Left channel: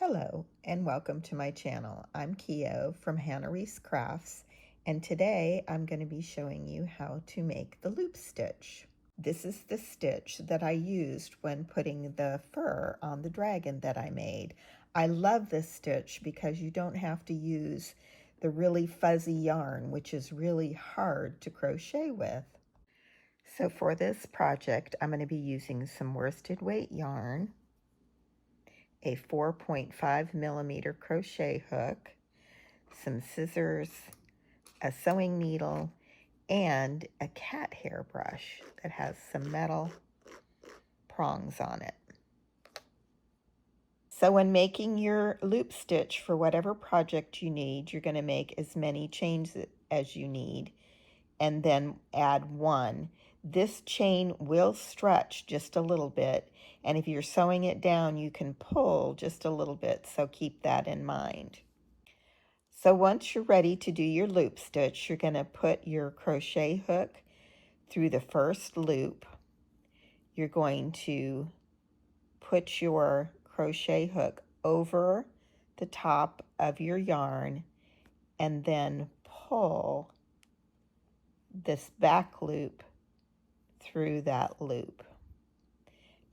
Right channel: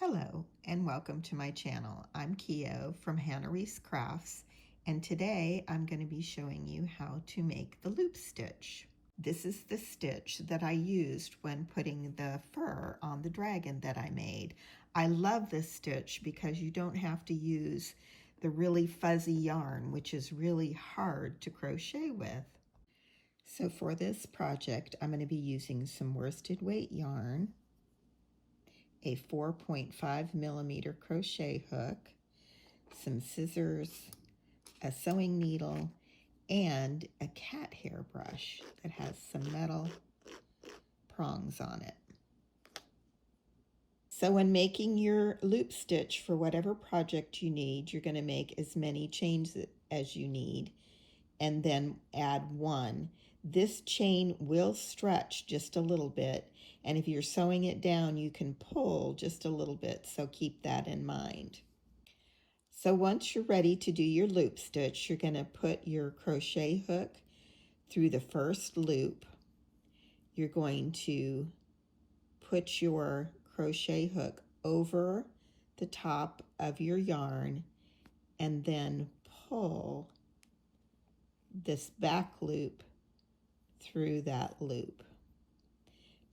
Hello and welcome to my channel. I'm Keo from Hannah Reese Crafts, and today I'm going to be showing you how to make the loop stitch. This is the stitch that I used when putting the fur on the dragon that I made. I love this stitch because you don't have to use the really fuzzy yarn, which is really hard to crochet with. So for this project, I'm going to be using some worsted weight yarn, a 4.5 millimeter crochet hook, some scissors, a sewing needle, and a cat hair brush that has some metal prongs on it. So when making your loop stitch for whatever project you need, you're going to make as many chains as you need and then add one. This chain will stretch just a little bit, and if you're sewing it down, you can pull just a little bit, so keep that in mind. So once you're ready to do your loop stitch, you're going to put your crochet hook through the first loop. You're going to put your crochet hook over the top of your yarn and then pull this back loop through that loop.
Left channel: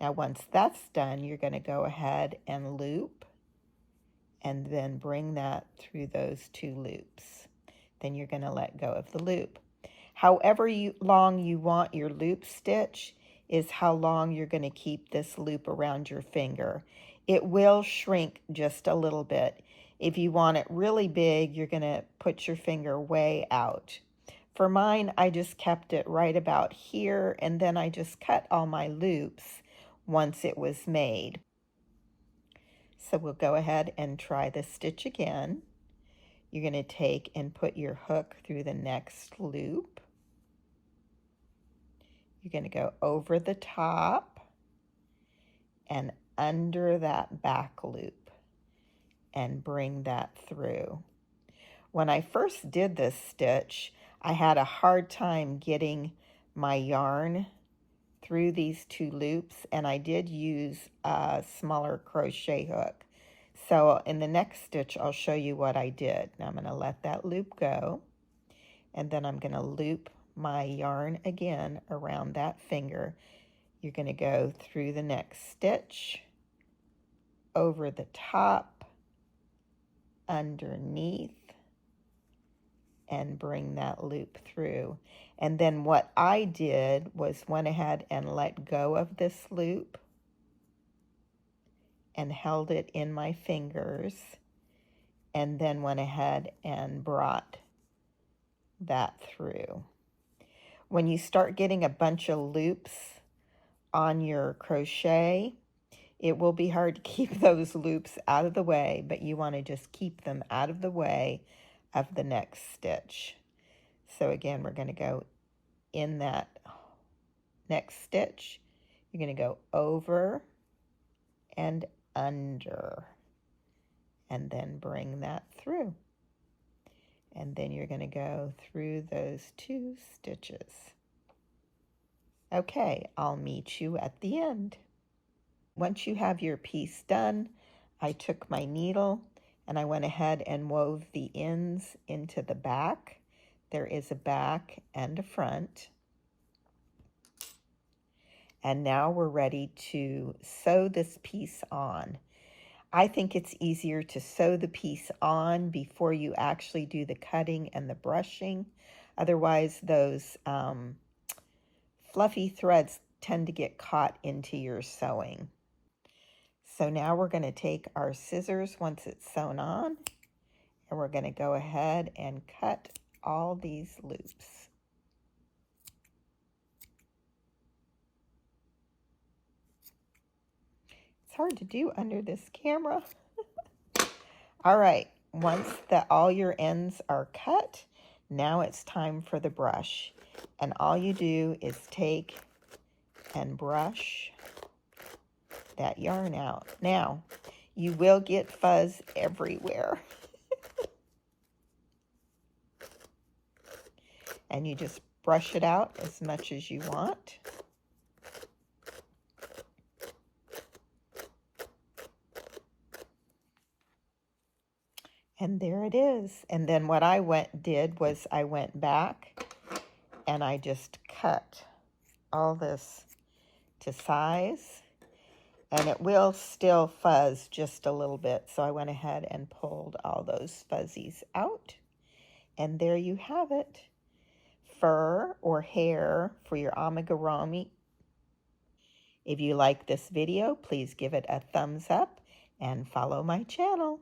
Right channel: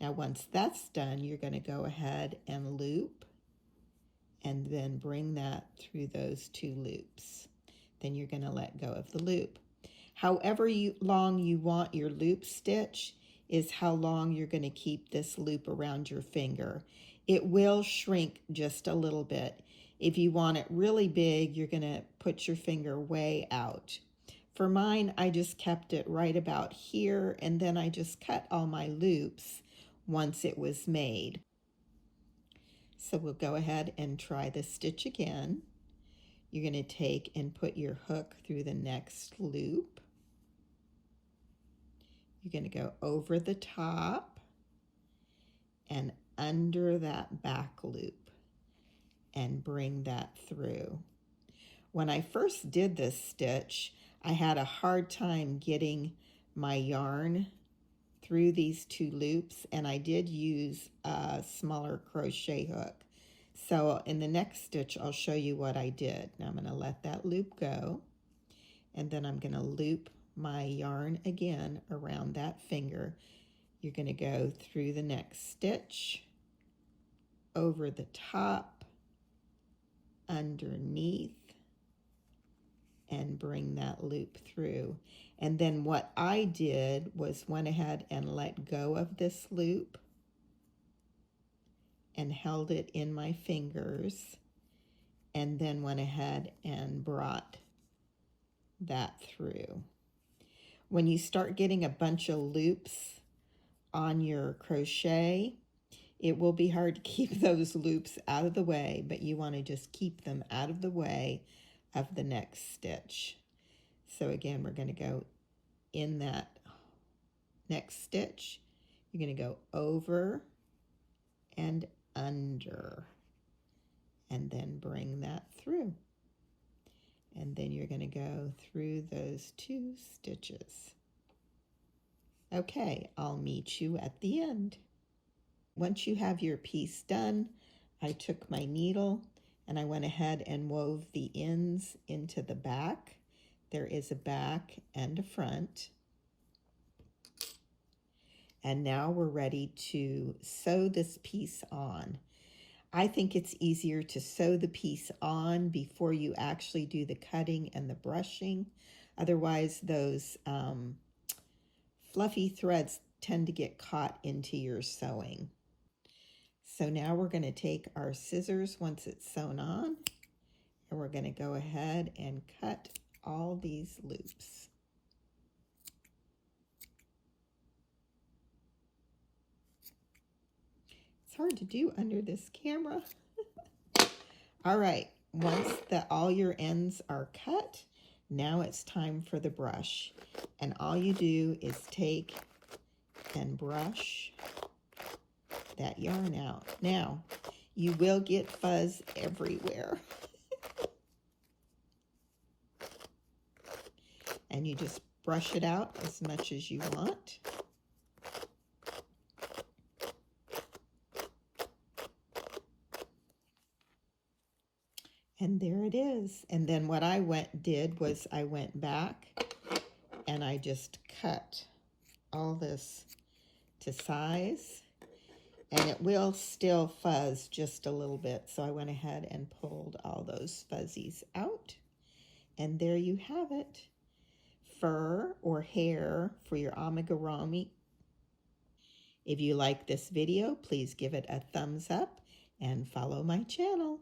Now once that's done, you're going to go ahead and loop and then bring that through those two loops. Then you're going to let go of the loop. However long you want your loop stitch is how long you're going to keep this loop around your finger. It will shrink just a little bit. If you want it really big, you're going to put your finger way out. For mine, I just kept it right about here, and then I just cut all my loops once it was made. So we'll go ahead and try the stitch again. You're going to take and put your hook through the next loop. You're going to go over the top and under that back loop and bring that through. When I first did this stitch, I had a hard time getting my yarn through these two loops, and I did use a smaller crochet hook. So in the next stitch, I'll show you what I did. Now I'm going to let that loop go, and then I'm going to loop my yarn again around that finger. You're going to go through the next stitch, over the top, underneath, and bring that loop through. And then what I did was went ahead and let go of this loop and held it in my fingers, and then went ahead and brought that through. When you start getting a bunch of loops on your crochet, it will be hard to keep those loops out of the way, but you want to just keep them out of the way of the next stitch. So again, we're going to go in that next stitch. You're going to go over and under, and then bring that through. And then you're going to go through those two stitches. Okay, I'll meet you at the end. Once you have your piece done, I took my needle and I went ahead and wove the ends into the back. There is a back and a front. And now we're ready to sew this piece on. I think it's easier to sew the piece on before you actually do the cutting and the brushing. Otherwise, those fluffy threads tend to get caught into your sewing. So now we're going to take our scissors once it's sewn on, and we're going to go ahead and cut all these loops. It's hard to do under this camera. All right, once all your ends are cut, now it's time for the brush. And all you do is take and brush that yarn out. Now, you will get fuzz everywhere. And you just brush it out as much as you want. And there it is. And then what I did was I went back and I just cut all this to size, and it will still fuzz just a little bit. So I went ahead and pulled all those fuzzies out. And there you have it. Fur or hair for your amigurumi. If you like this video, please give it a thumbs up and follow my channel.